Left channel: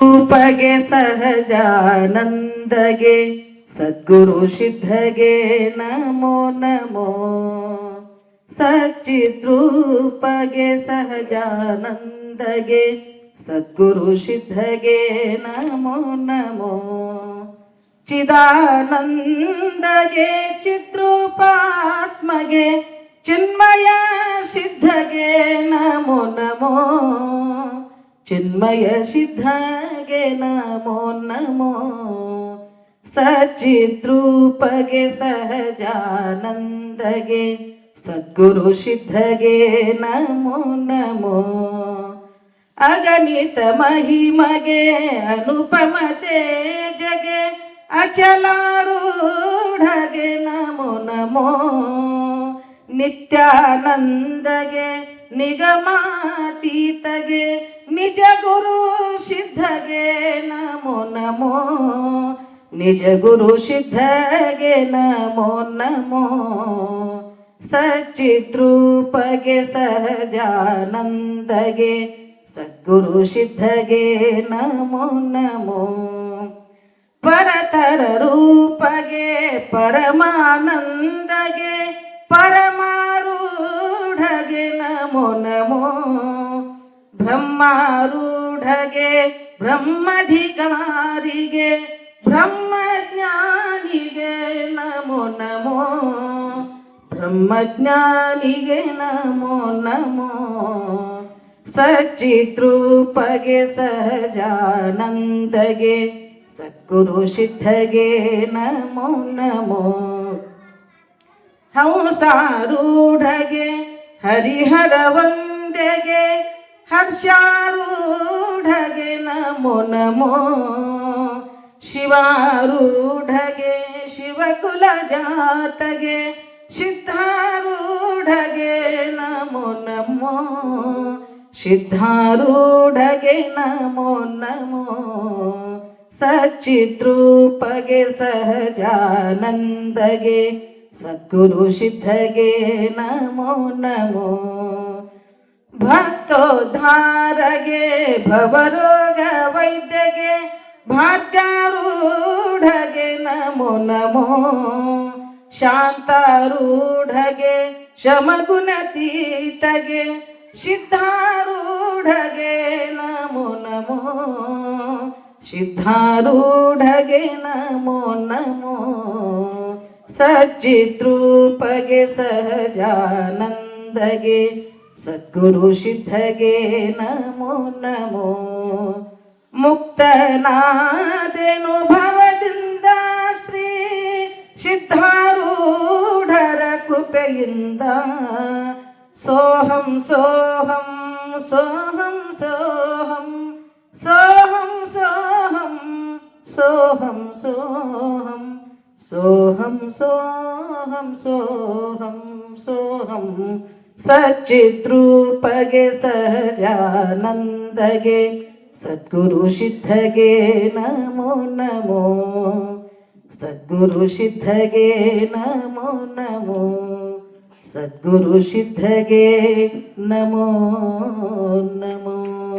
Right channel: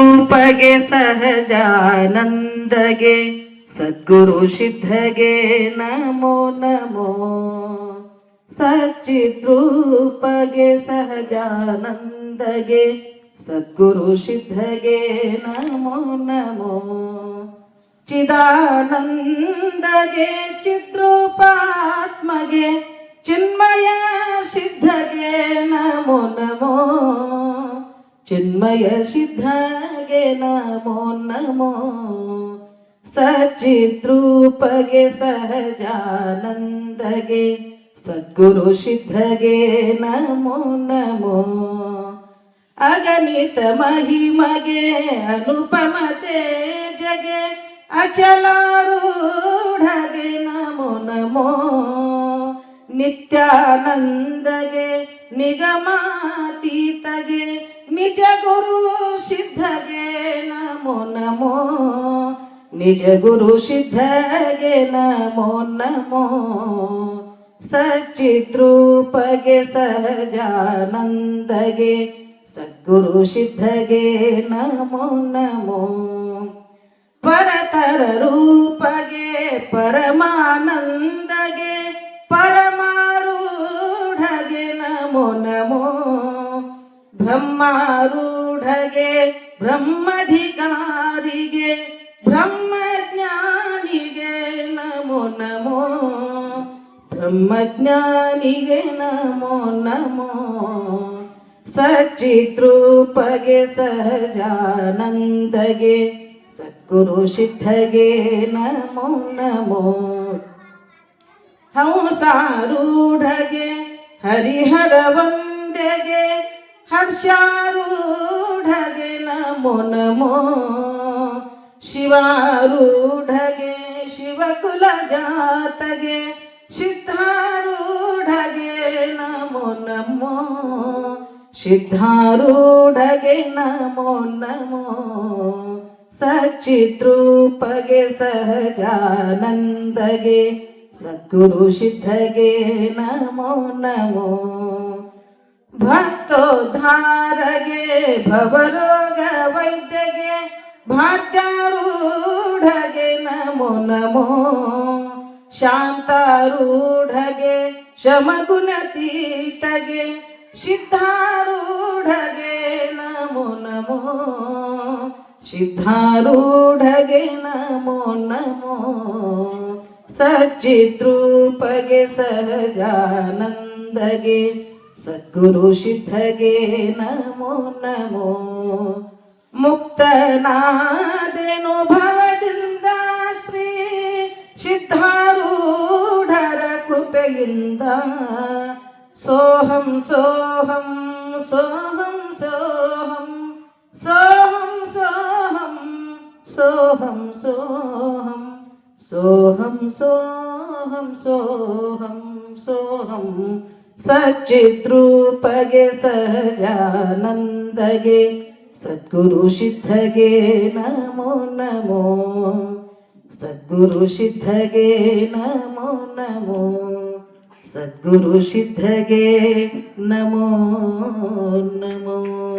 ರೂಪಗೆ ಸಹಜಾನಂದಗೆ ಸದ್ಗುರು ಸಿದ್ಧಗೆ ನಮೋ ನಮೋ. ಸಚ್ಚಿದ್ರೂಪಗೆ ಸಹಜಾನಂದಗೆ ಸದ್ಗುರು ಸಿದ್ಧಗೆ ನಮೋ ನಮೋ. ಚಿದಾನಂದಗೆ ಚಿದ್ರೂಪಾತ್ಮಗೆ ಚಿನ್ಮಯ ಸಿದ್ಧಗೆ ನಮೋ ನಮೋ. ಚಿನ್ಮಯ ಸಿದ್ಧಗೆ ನಮೋ ನಮೋ. ಸಚಿದ್ರೂಪಗೆ ಸಹಜಾನಂದಗೆ. ಸದ್ಗುರು ಸಿದ್ಧಗೆ ನಮೋ ನಮೋ. ಅಗಣಿತ ಮಹಿಮಗೆ ಅನುಪಮ ತೇಜಗೆ. ಅಚಲಾರೂಢಗೆ ನಮೋ ನಮೋ. ನಿತ್ಯಾನಂದಗೆ ನಿಗಮಾತೀತಗೆ ನಿಜ ಗುರು ಸಿದ್ಧಗೆ ನಮೋ ನಮೋ. ನಿಜ ಗುರು ಸಿದ್ಧಗೆ ನಮೋ ನಮೋ. ಸಚ್ಚಿದ್ರೂಪಗೆ ಸಹಜಾನಂದಗೆ ಸದ್ಗುರು ಸಿದ್ಧಗೆ ನಮೋ ನಮೋ. ಪರತರ ನಮೋ ನಮೋ ಬ್ರಹ್ಮಾರೂಢಗೆ, ಬ್ರಹ್ಮಧಿಕಾರಿಗೆ, ಬ್ರಹ್ಮಜ್ಞಾನಿಗೆ ನಮೋ ನಮೋ ಬ್ರಹ್ಮಜ್ಞಾನಿಗೆ ನಮೋ ನಮೋ ಸಚಿದ್ರೂಪಗೆ ಸಹಜಾನಂದಗೆ, ಸದ್ಗುರು ಸಿದ್ಧಗೆ ನಮೋ ನಮೋ ಹಂಸಾರೂಢಗೆ ಹರಿಹರ ವಂದೆಗೆ ಹರ್ಷಾರೂಢಗೆ ನಮೋ ನಮೋ. ಶಿವಾರೂಢಗೆ ಶಿವಕುಲ ಜಾತಗೆ ಸಿದ್ಧಾರೂಢಗೆ ನಮೋ ನಮೋ. ಸಿದ್ಧಾರೂಢಗೆ ನಮೋ ನಮೋ. ಸಚಿತ್ರೂಪಗೆ ಸಹಜಾನಂದಗೆ ಸದ್ಗುರು ಸಿದ್ಧಗೆ ನಮೋ. ನಮೋ ಭಕ್ತೋದ್ಧಾರಗೆ ಭವರೋಗ ವೈದ್ಯಗೆ ಭಾಗ್ಯಾರೂಢಗೆ ನಮೋ ನಮೋ. ಶಾಂತಾರೂಢಗೆ ಶಮಗುಣತೀತಗೆ ಸಿದ್ಧಾರೂಢಗೆ ನಮೋ ನಮೋ. ಸಿದ್ಧಾರೂಢಗೆ ನಮೋ ನಮೋ. ಸಚ್ಚಿದ್ರೂಪಗೆ ಸಹಜಾನಂದಗೆ, ಸದ್ಗುರು ಸಿದ್ಧಗೆ ನಮೋ ನಮೋ. ಮುಕ್ತನಾದೆನು ಭವದಿಂದ ಶ್ರೀ ಸಿದ್ಧಾರೂಢರ ಕೃಪೆಯಿಂದ. ಸೋಹಂ ಸೋಹಂ ಸೋಹಂ ಸೋಹಂ ಸೋಹಂ ಸೋಹಂ ಸೋಹಂ ಸೋಹಂ. सोऽहं सोऽहं सोऽहं सोऽहं। सच्चिद्रूपगे सहजानन्दगे सद्गुरुसिद्धगे नमो नमो। सद्गुरुसिद्धगे नमो नमो। सद्गुरुसिद्धगे नमो नमो।